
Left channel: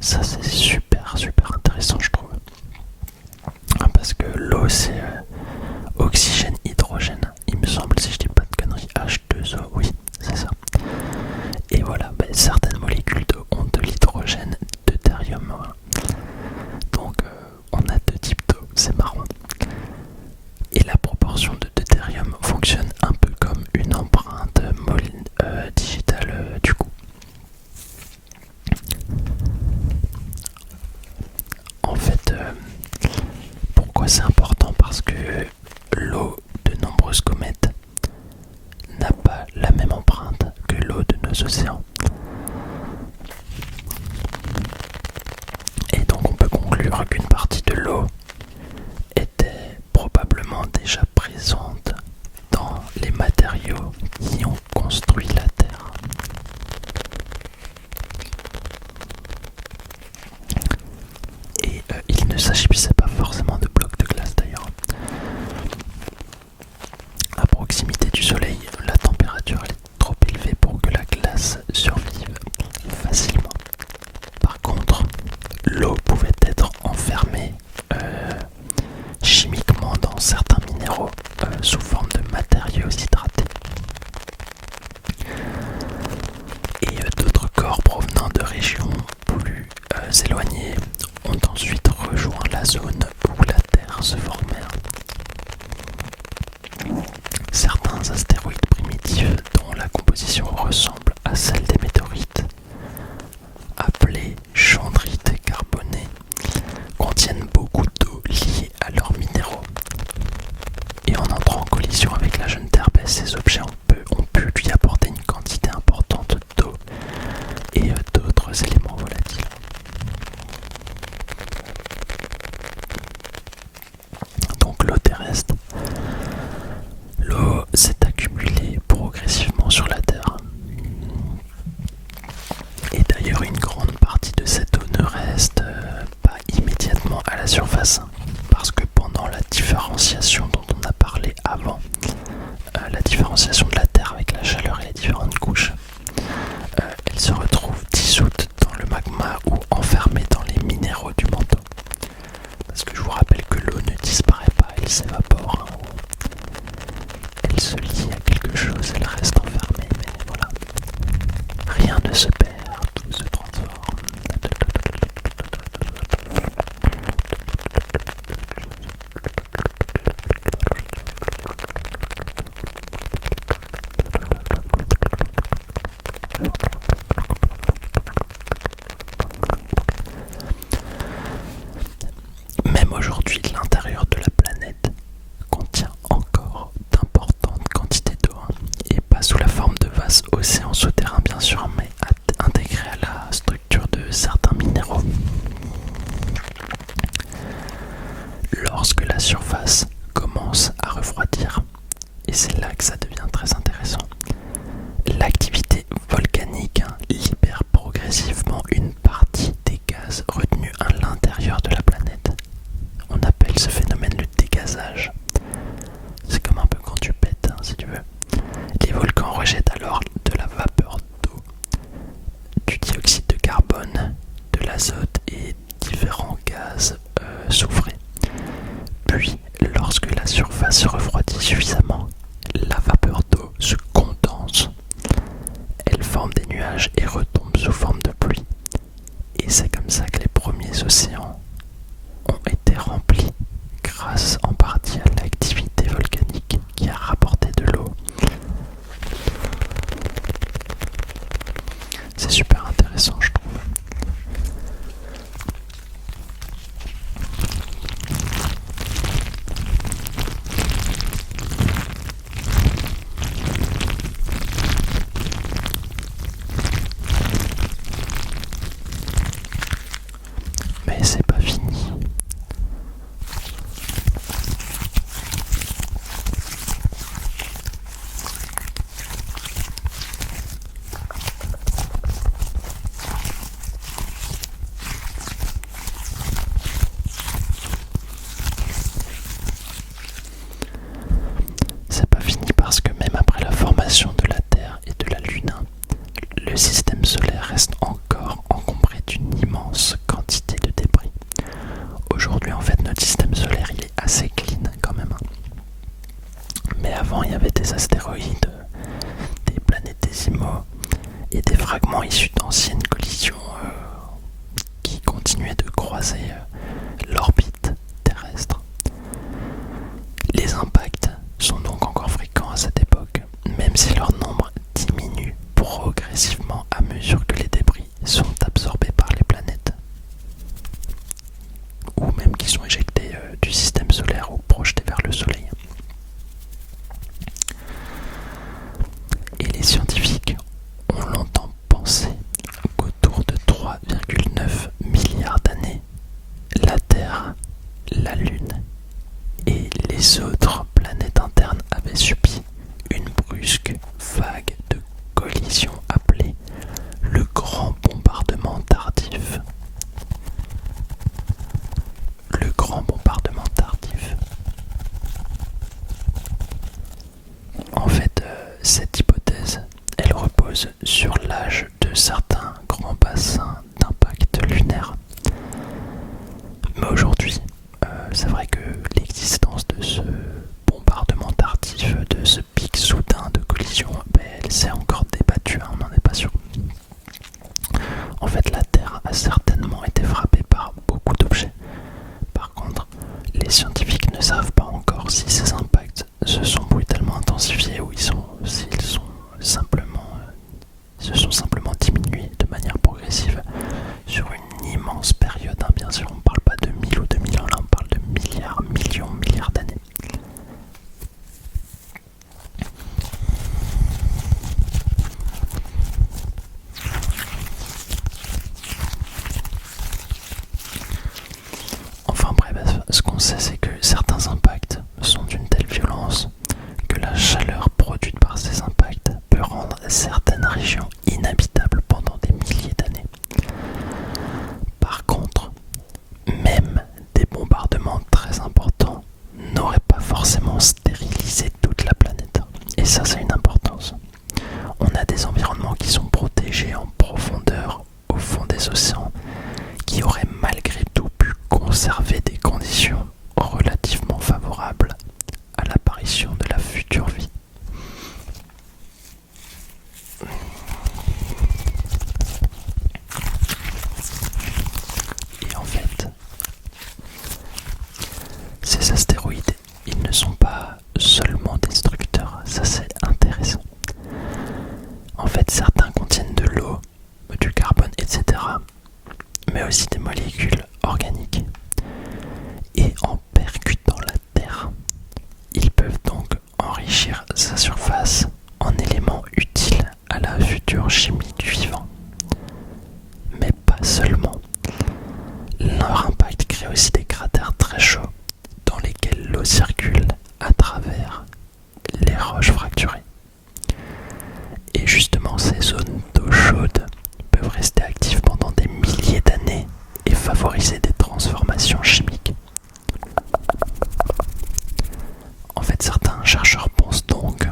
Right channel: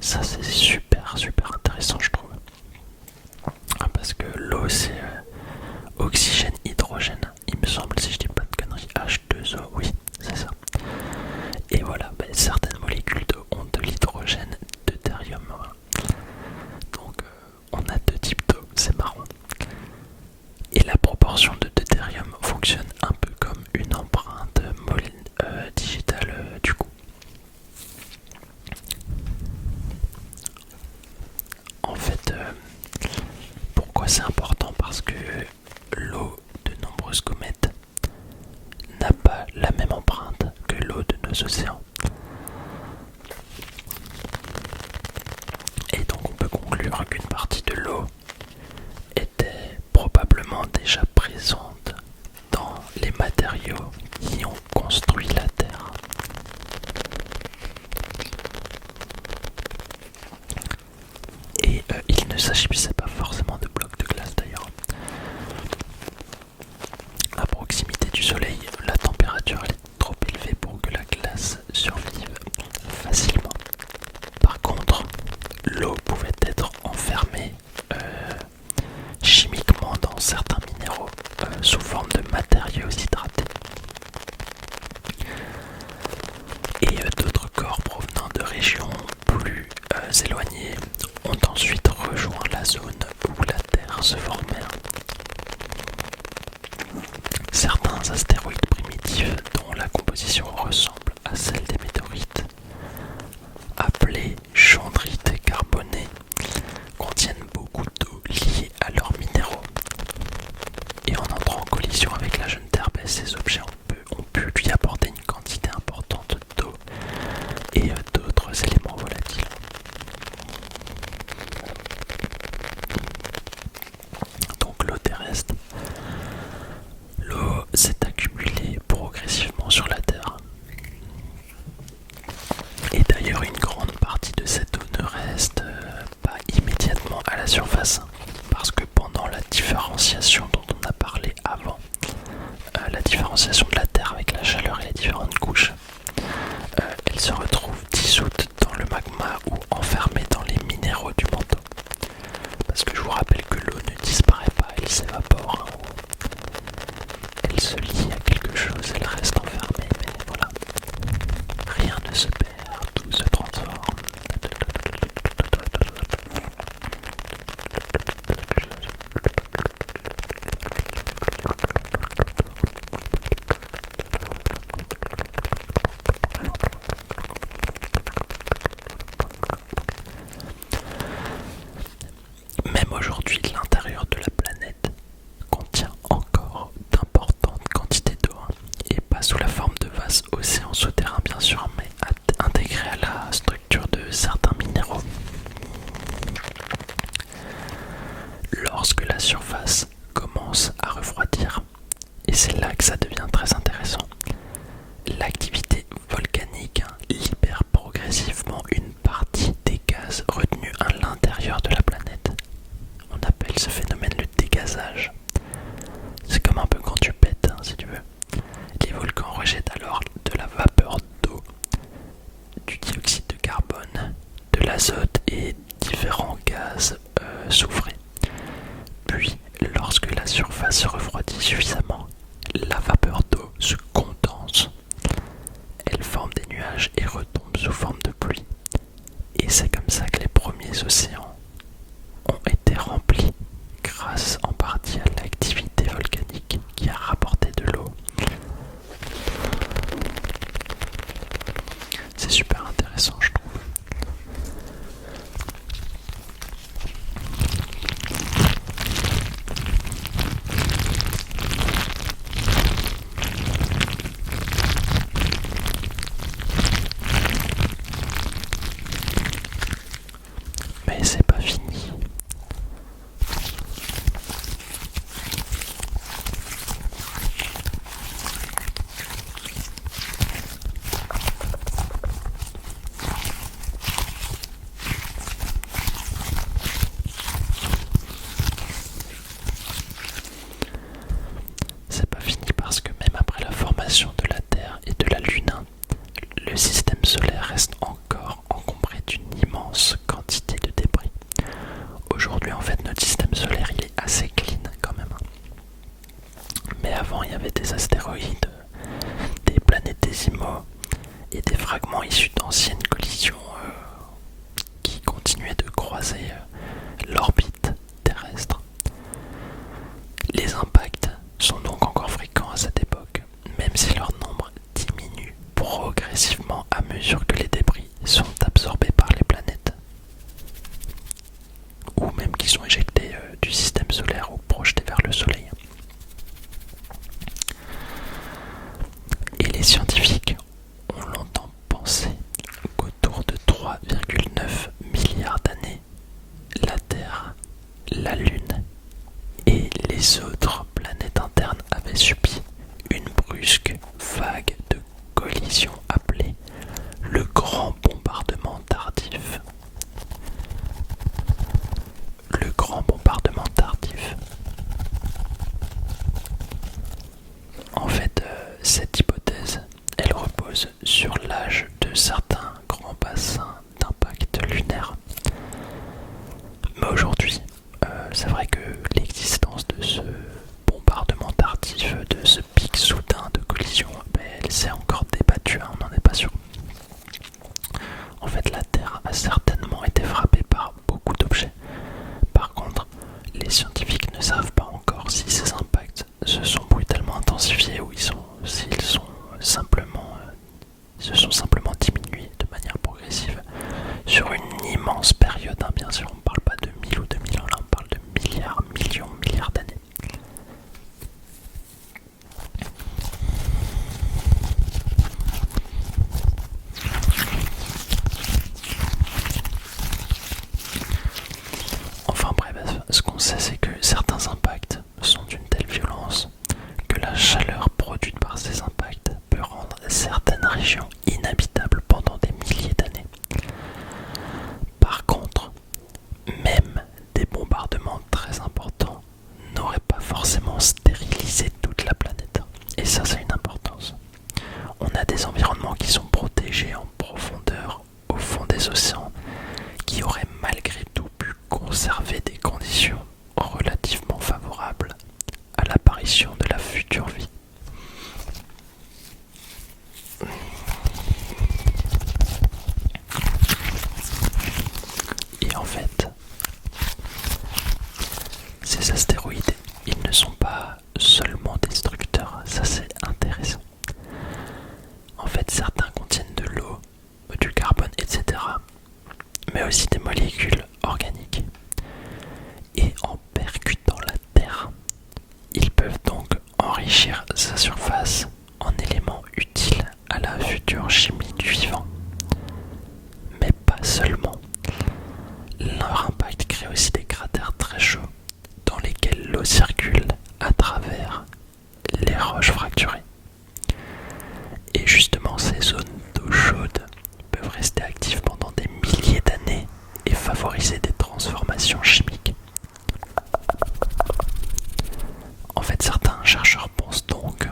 Ça, c'est super intéressant, je trouve. Parce que l'eau, c'est oxygène, hydrogène, il me semble, si je dis pas de conneries. H2O, oui, c'est ça. Et voilà, certaines molécules d'eau ont de l'hydrogène deutérium. Voilà. Donc on a deux types d'eau, c'est marrant. Et la proportion de deutérium fonctionne un peu comme une empreinte digitale. océans. Et donc on peut conclure qu'une partie de l'eau était probablement déjà présente dans les matériaux qui ont construit la Terre. Et il ne s'agissait pas forcément de blocs de glace d'ailleurs. À proximité du soleil, la température est trop élevée pour que la glace survive facilement. Par contre, l'eau pouvait être enfermée chimiquement dans certains minéraux sous forme de matériaux hydratés. Et d'autres corps provenant de régions plus éloignées ont ensuite rejoint la zone où la Terre se formait. Certains astéroïdes primitifs dont la composition ressemble à celle des météorites, appelés chondrites carbonés, contiennent beaucoup d'eau liée à leurs minéraux. Et en entrant en collision avec la jeune Terre, ces objets ont pu lui apporter une quantité importante d'eau et d'autres éléments volatiles. Donc l'eau terrestre. L'eau s'est accumulée progressivement sur la Terre. Et d'ailleurs, une grande partie de cette eau ne reste pas immédiatement à la surface. Parce que pendant la différenciation dont on a parlé avant, la différenciation de la Terre avec la chaleur et les différentes couches, elle se retrouve dissoute dans le magma ou enfermée dans les minéraux du manteau. Parce que je vous rappelle que l'eau ne disparaît pas, elle s'évapore. Elle se lie à quelque chose, elle reste enfermée, mais voilà. Rien ne se perd, tout se transforme. Même aujourd'hui, l'intérieur de la planète contient encore d'importantes quantités d'eau, et pas sous la forme de vastes océans souterrains bien sûr, mais intégrés à la structure de certains minéraux. Lorsque la surface commence à refroidir, et c'est là que ça devient très intéressant, l'activité volcanique libère progressivement une partie des gaz retenus à l'intérieur de la planète. On appelle ce phénomène le dégazage. C'est comme un peu quand tu pètes, si tu veux. Les volcans rejettent alors de la vapeur d'eau, du dioxyde de carbone, de l'azote et différents gaz soufrés. Puis, lorsque la surface se refroidit suffisamment, la vapeur d'eau se condense. Elle forme des nuages et retombe sous forme de pluie. Et c'est comme ça que les premiers océans ont été remplis grâce en partie à l'activité volcanique qui a rapporté de l'eau. C'est super intéressant, je trouve. Mais c'est pas fini. C'est pas fini parce que même après la formation de la Terre et de la Lune, le système solaire reste encore encombré d'une immense quantité de débris. Aujourd'hui, en fait, notre système solaire, il est assez clean quand même. Mais avant, il y avait des astéroïdes, des planétésimaux et des fragments issus d'anciennes collisions qui continuaient de croiser l'orbite terrestre. Les impacts sont donc encore fréquents à cette époque, même si leur nombre diminue progressivement à mesure que les débris sont absorbés par les planètes, ou même qu'ils sont éjectés du système solaire ou projetés vers le Soleil. Et les scientifiques ont longtemps de certains grands bassins d'impact lunaire. Mais aujourd'hui, c'est vrai que l'existence de ce bombardement tardif, de ce pic soudain de collision, elle s'est encore débattue, on n'en est pas sûr. En fait, la Terre a certainement été frappée par beaucoup d'objets. Par contre, les scientifiques ne savent pas encore si ces impacts se sont brutalement intensifiés ou s'ils se sont simplement diminués de manière progressive sur une immense période. Bien sûr, on ne parle pas de 1000 ou 2000 ans, là on parle de milliards, millions, milliards d'années. Enfin bref, ce qu'on sait, c'est que certains impacts sont d'une telle violence que la chaleur produite par ces impacts peut rendre certaines régions inhabitables pendant des milliers d'années. Par contre, même des bombardements très importants n'auraient pas forcément stérilisé toute la planète. Et ça, c'est une importance. On a des environnements qui sont protégés en profondeur au fond des océans, qui auraient malgré tout pu conserver des conditions relativement favorables à l'apparition de la future vie. Et en fait, ces astéroïdes, ils ne sont pas seulement destructeurs, ça c'est intéressant. En fait, certains contiennent de l'eau, du carbone, etc., mais aussi des molécules organiques. Et en percutant la Terre, ils peuvent donc enrichir sa surface en éléments utiles à la future chimie du vivant. Mais pas seulement. Leur impact crée aussi des cratères très chauds dans lesquels l'eau circule à travers les roches fracturées. Et justement, ces zones d'eau chaude peuvent rester actives pendant des milliers d'années et favoriser des transformations chimiques. En fait, certains chercheurs pensent donc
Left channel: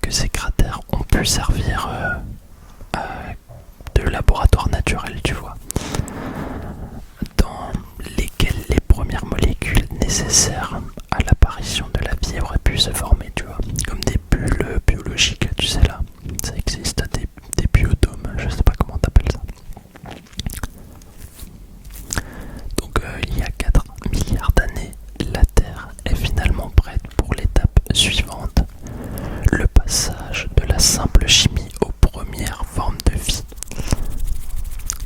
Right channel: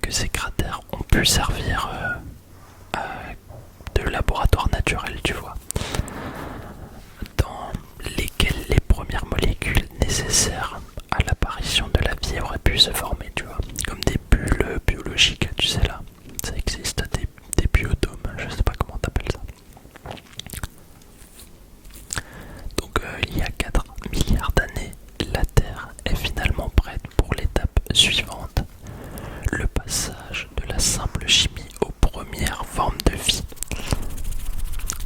que ces cratères ont pu servir de laboratoire naturel, tu vois, dans lesquels les premières molécules nécessaires à l'apparition de la vie auraient pu se former, tu vois, comme des bulles biologiques, tu sais là, ça existe, des biotomes, je sais pas comment t'appelles ça. Donc il y a 4 milliards d'années, la Terre est finalement prête pour l'étape suivante, le passage de la simple chimie aux premières formes de vie.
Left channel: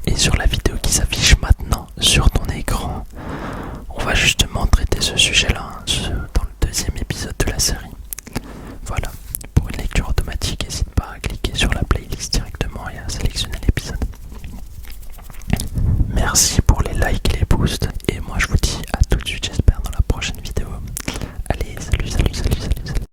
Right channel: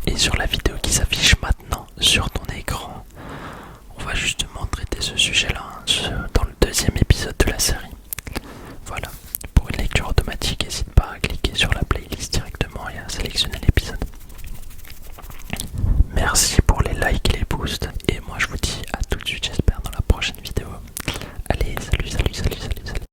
Et sur la vidéo qui s'affiche maintenant sur ton écran, on va justement traiter ce sujet-là dans le deuxième épisode de la série. Voilà, pour une lecture automatique, n'hésite pas à cliquer sur la playlist directement et à sélectionner l'épisode. Merci pour les likes et les boosts